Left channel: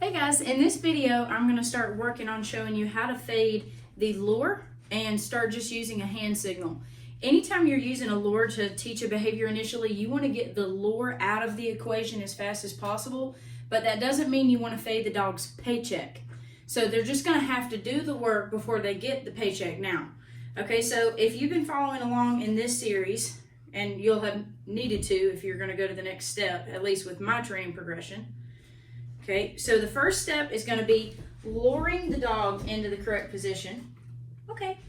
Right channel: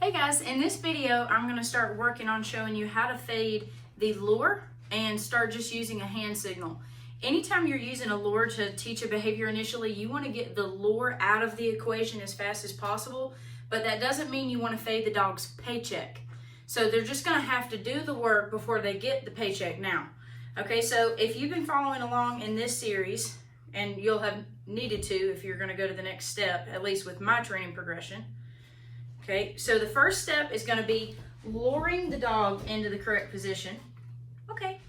Hey guys, in this video I'm going to start working on showing you how to fade the lure and start just using a hand signal. Anytime you're using a lure to teach a behavior initially, you want to get the lure out of the equation as fast as possible, but that doesn't mean you want to fade the dog's paycheck. So they're just going to have to do the work before they get the paycheck now. Okay, so if you've been following along in this series, and you'll have needed to if you're going to go to the next step, at least with my training progression. Okay, so the first step is going to be luring the dog into the correct position. Okay,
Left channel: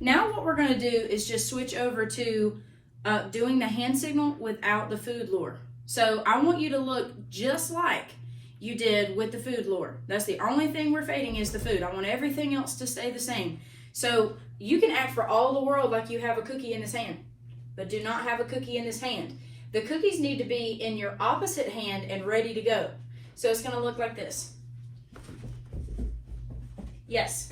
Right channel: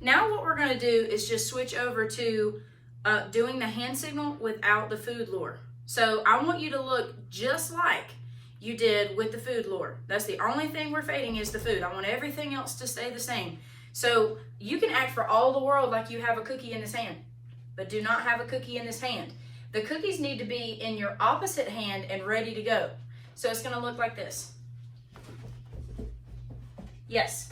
now what we're going to do is just switch over to doing the hand signal without the food lure. So I want you to look just like you did with the food lure. That's the only thing we're fading is the food. I want everything else to stay the same. So you can act for all the world like you have a cookie in this hand, but do not have a cookie in this hand. The cookies need to be in your opposite hand and ready to go. So it's going to look like this. Yes.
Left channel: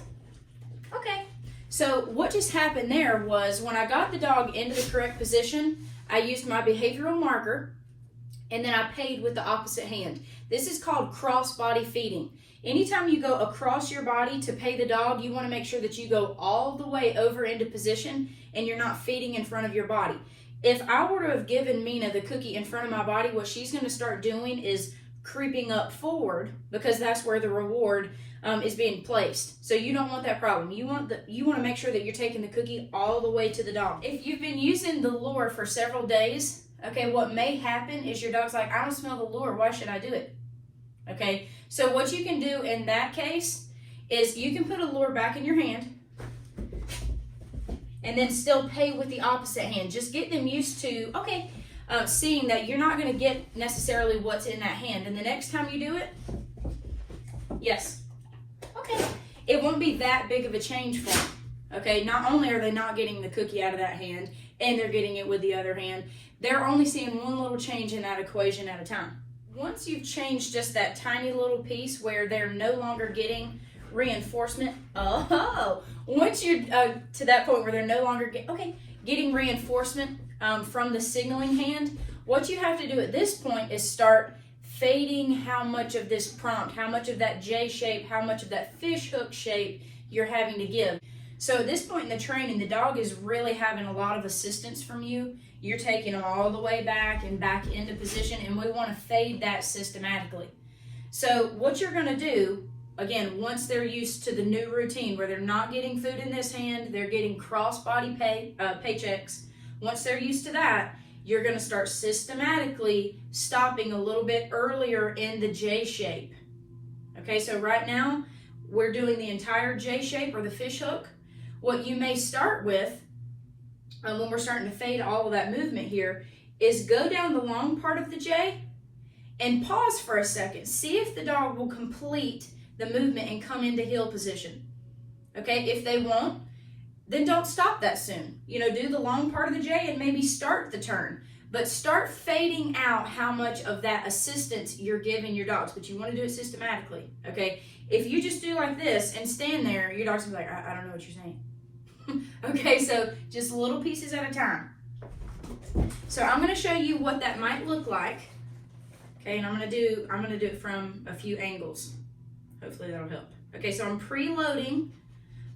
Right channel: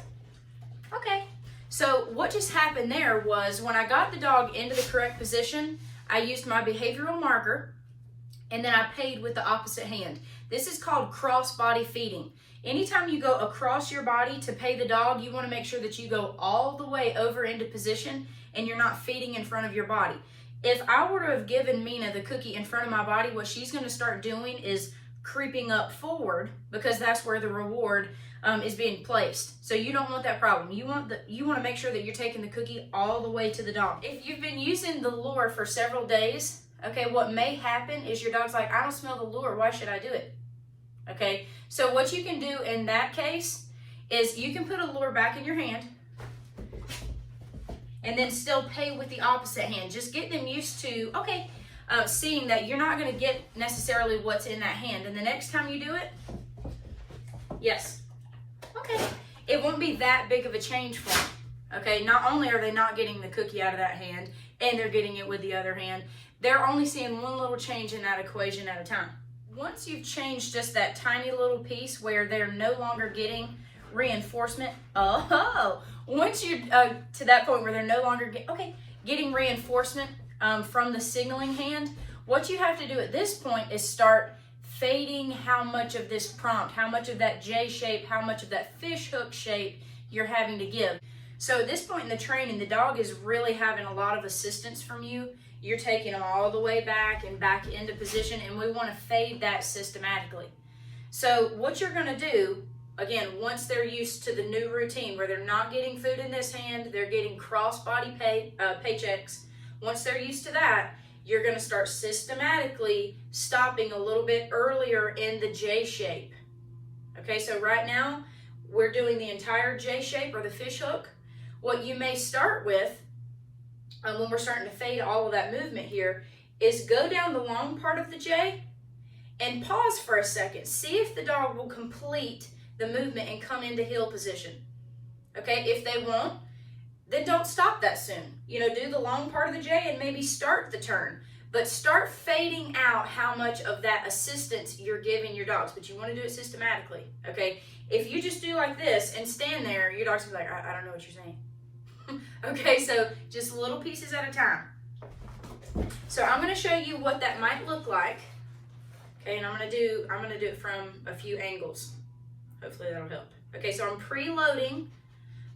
Okay. So what just happened there was when I got the dog into the correct position, I used my behavioral marker and then I paid with the opposite hand. This is called cross body feeding. Anytime you go across your body to pay the dog, you want to make sure that you go all the way over into position and you're not feeding in front of your body. If I were to have given Mina the cookie in front of my body, what she's going to start doing is creeping up forward because that's where the reward is being placed. So you don't want that problem. You want to make sure that you're taking the cookie all the way to the dog. If you've been using the lure for several days, okay, what may happen is your dog's like, I don't smell the lure, why should I do it? Okay, so what you can do in that case is you can put a lure back in your hand and then still pay with the opposite hand. Just get them used to, okay, seeing that you're not going to get necessarily what's in that hand. And the next time you do it, yes, okay, it won't be that big of a change for them. Okay, not only are they not getting the cookie out of that hand and they're getting it with the other hand, they're only seeing one little change in that equation at a time. Once you've changed just that tiny little piece where they're no longer getting reinforcement, once you're to that point where they're no longer getting reinforcement from the signaling hand, what you have to do at this point is start fading how much of this prompt, how much of that J shape, how much of that fish hook shape you're having to give. So at this point in the training, the dog is really having a lot of assistance from you. You're taking them all the way back and back into position, and we want to fade that systematically. So what you're going to do, again, once they're used to the new routine where they're not getting food in this hand, they're getting cross-body paychecks. Once they're used to that, you're going to start systematically stopping a little bit earlier in the J shape. Okay, so right now, we're doing the entire J shape or the fish hook. What you may start with, when we're starting to fade all of that movement here, is go down the long part of the J and pause for a second. See if the dog will complete the movement and come into heel position. Okay, if they won't, then don't stop that soon. You know, do the long part of the J and maybe start the turn. But start fading out how much of that assistance you're giving your dogs. But you want to do it systematically, okay? If you just do like this and stand there, your dog's gonna be like, I don't know what you're saying. Okay, so just little pieces at a time. So I'm gonna show you what that might look like. Okay, and I'm gonna do it from a few angles. Hopefully that'll help. Okay, so I'm preloading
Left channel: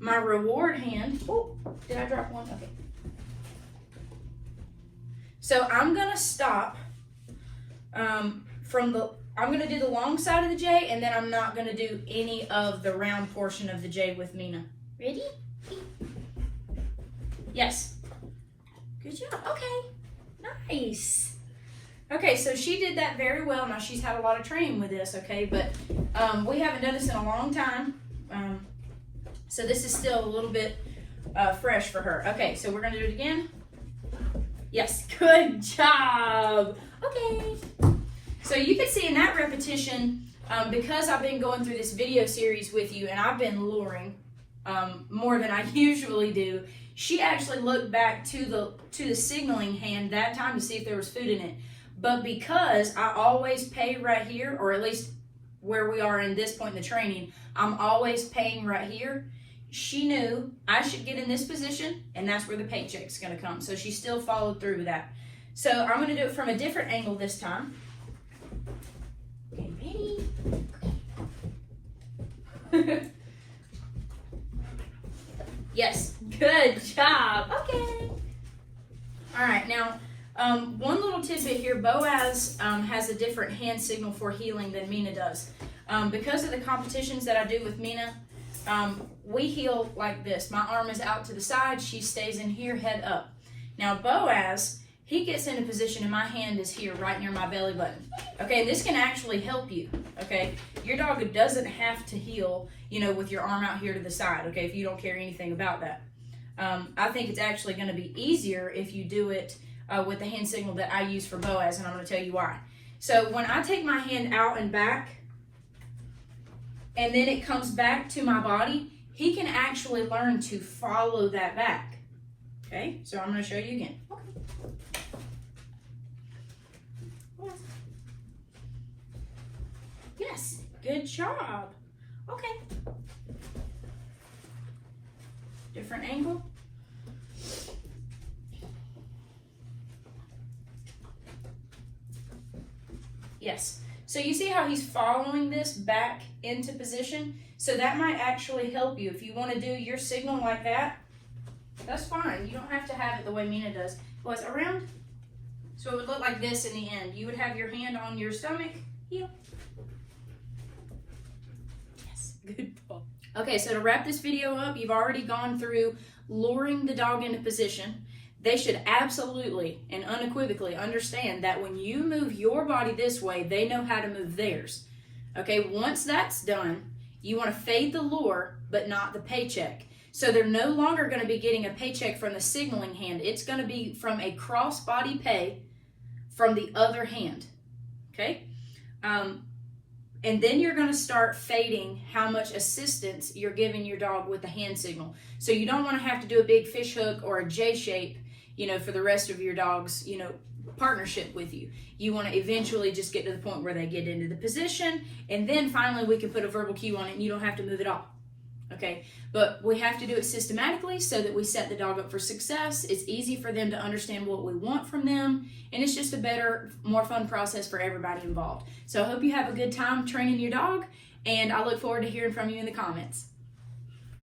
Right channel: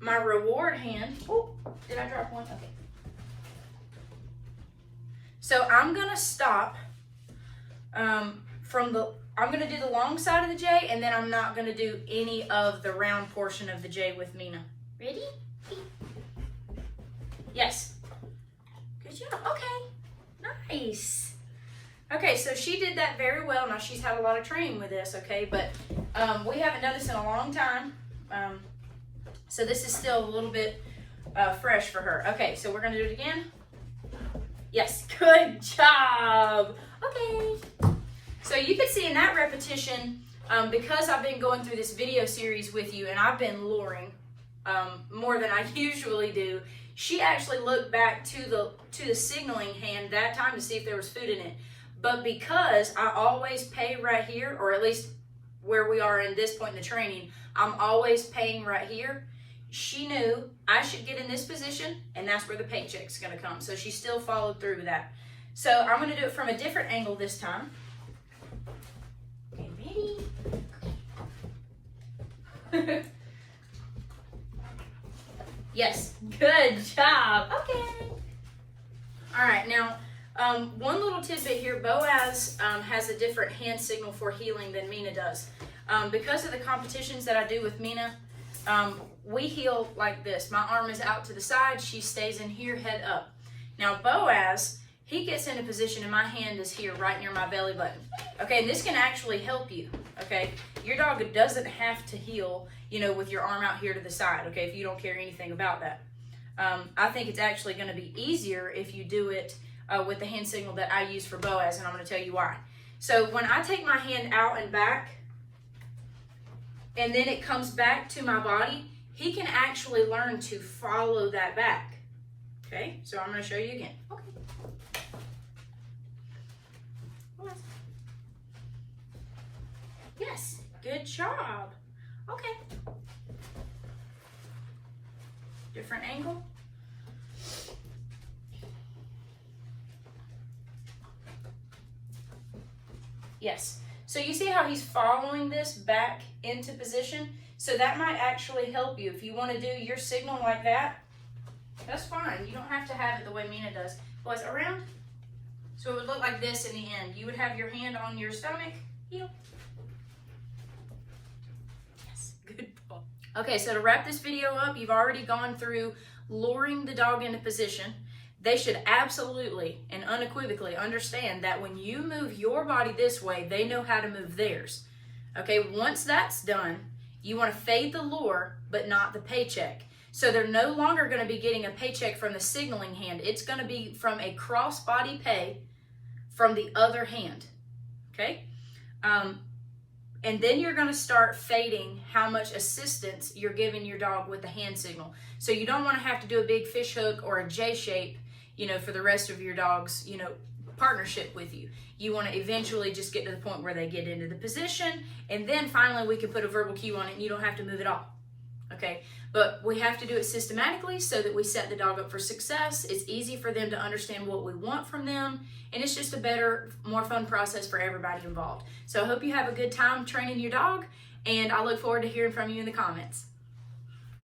my reward hand. Oh, did I drop one? Okay. So I'm gonna stop I'm gonna do the long side of the J, and then I'm not gonna do any of the round portion of the J with Mina. Ready? Yes. Good job. Okay. Nice. Okay, so she did that very well. Now she's had a lot of training with this, okay, but we haven't done this in a long time. So this is still a little bit fresh for her. Okay, so we're gonna do it again. Yes, good job. Okay. So you can see in that repetition, because I've been going through this video series with you and I've been luring more than I usually do, she actually looked back to the signaling hand that time to see if there was food in it. But because I always pay right here, or at least where we are in this point in the training, I'm always paying right here. She knew I should get in this position, and that's where the paycheck's gonna come. So she still followed through with that. So I'm gonna do it from a different angle this time. Okay, ready? Okay. Yes, good job. Okay. All right, now one little tidbit here. Boaz has a different hand signal for heeling than Mina does. Because of the competitions that I do with Mina, we heel like this. My arm is out to the side. She stays in here, head up. Now Boaz, he gets into position and my hand is here right near my belly button. Okay, and this can actually help you. Okay, your dog doesn't have to heel, with your arm out here to the side. Okay, if you don't care anything about that. I think it's actually going to be easier if you do it with the hand signal that I use for Boaz, and I'm going to tell you why. So when I take my hand out and back, and then it comes back to my body, he can actually learn to follow that back. Okay, so I'm going to show you again. Okay. Yes, good job. Okay. Different angle. Yes. So you see how he's following this back into position? So that might actually help you. If you want to do your signal like that, that's fine. You don't have to have it the way Mina does. Was around? So it would look like this in the end. You would have your hand on your stomach. Heel. Yes, good ball. Okay, so to wrap this video up, you've already gone through luring the dog into position. They should absolutely and unequivocally understand that when you move your body this way, they know how to move theirs. Okay, once that's done, you want to fade the lure, but not the paycheck. So they're no longer going to be getting a paycheck from the signaling hand. It's going to be from a cross-body pay from the other hand. Okay? And then you're going to start fading how much assistance you're giving your dog with the hand signal. So you don't want to have to do a big fish hook or a J shape, for the rest of your dog's, partnership with you. You want to eventually just get to the point where they get into the position, and then finally we can put a verbal cue on it and you don't have to move at all. Okay, but we have to do it systematically so that we set the dog up for success. It's easy for them to understand what we want from them, and it's just a better, more fun process for everybody involved. So I hope you have a good time training your dog, and I look forward to hearing from you in the comments.